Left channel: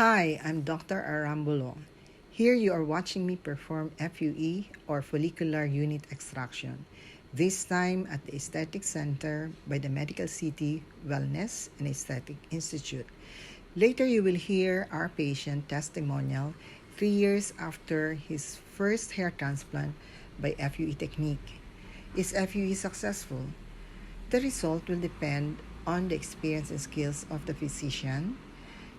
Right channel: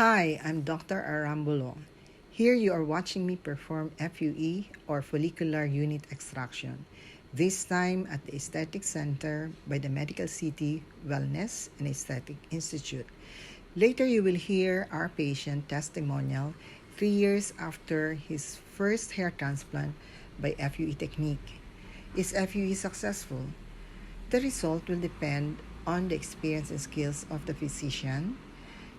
Hi, I'm Dr. Arambulo. Here you are watching me perform FUE or Follicular Unit Extraction, this time at the Aesthetic Center by the Medical City Wellness and Aesthetic Institute. Later you will hear our patient testimonial 3 years after his first hair transplant by FUE technique. Is FUE successful? The result will depend on the experience and skills of the physician,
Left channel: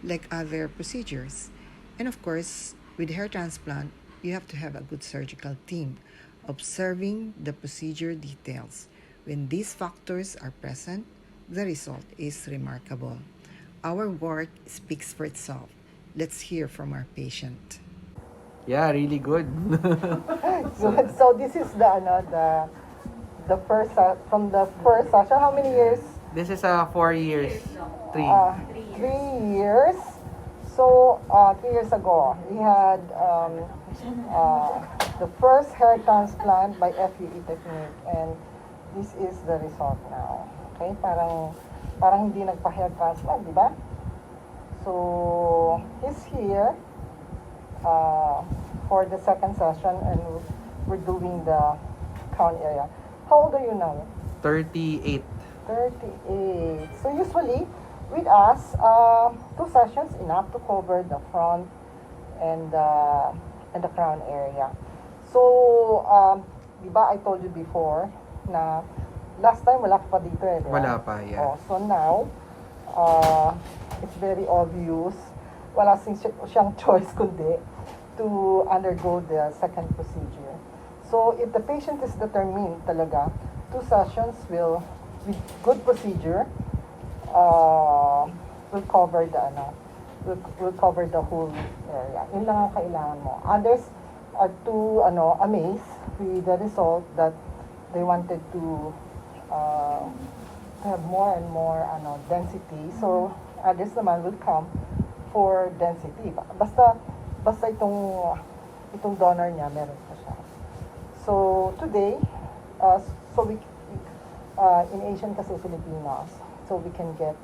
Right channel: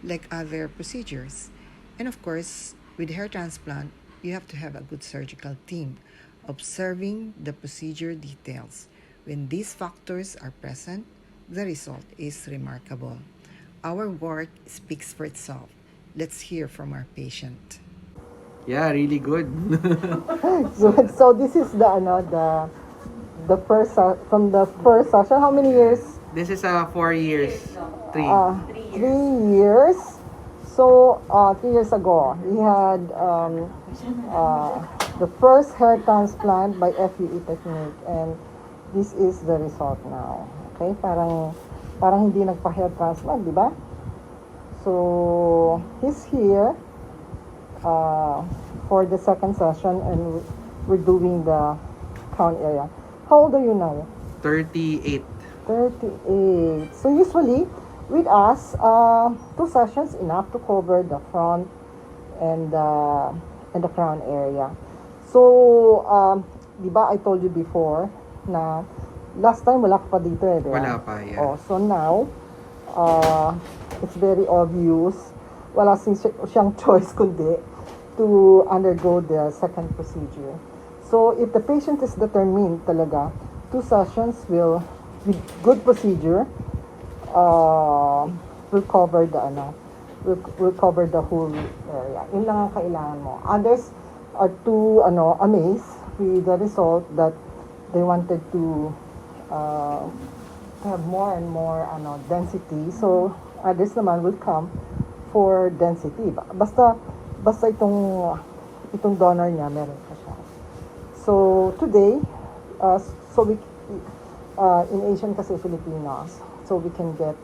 like other procedures. And of course, with hair transplant, you have to have a good surgical team observing the procedure details. When these factors are present, the result is remarkable. Our work speaks for itself. Let's hear from our patient. Yeah, really good. Good. So this is the first from the first session. How many years? This is 4 years. 3. 3 years. So 3 years ago, he had the first hair transplant by FUE technique, and this is the result now. Okay, parang hindi nagpa-hair transplant, di ba? So he's here for the second session, and we're doing the crown area. How old are you now? 38. 38. So usually with us, 2 sessions enough to cover the front and the crown area. So, di ba I told you before na last time wala ka pa dito eh, di ba? Wala pa, yeah. Oh, so now, it's very obvious. Wala siyang choice kundi to undergo the second procedure. So, if the patient is determined talaga, 2 sessions with good procedure, will cover will cover the whole area. Yun lang ang kailangan mo. Others are too amazed with the result that they wanted to have more and more density. So others naman will come for density. Basta itong donor niya meron pa siya. So today, in Asian kasi Filipinos, so we can get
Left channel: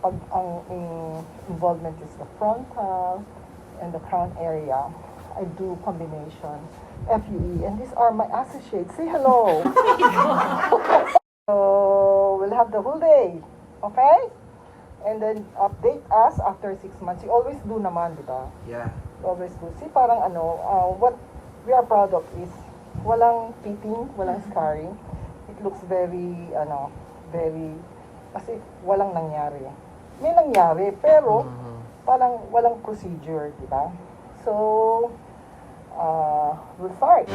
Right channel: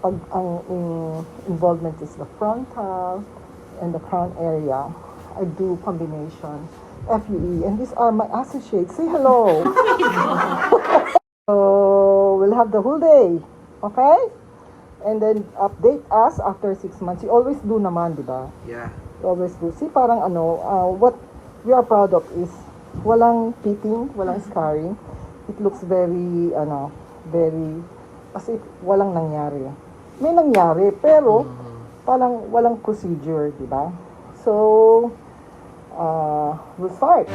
pag ang involvement is the frontal and the crown area, I do combination FUE, and these are my associates. Say hello. So we'll have the whole day, okay? And then update us after 6 months. You always do naman, di ba? Yeah. You always do. See, parang what we are proud of is walang pitting, walang scarring. It looks very as if walang nangyari. May nangyari, pero parang walang procedure, di ba? So, we'll start.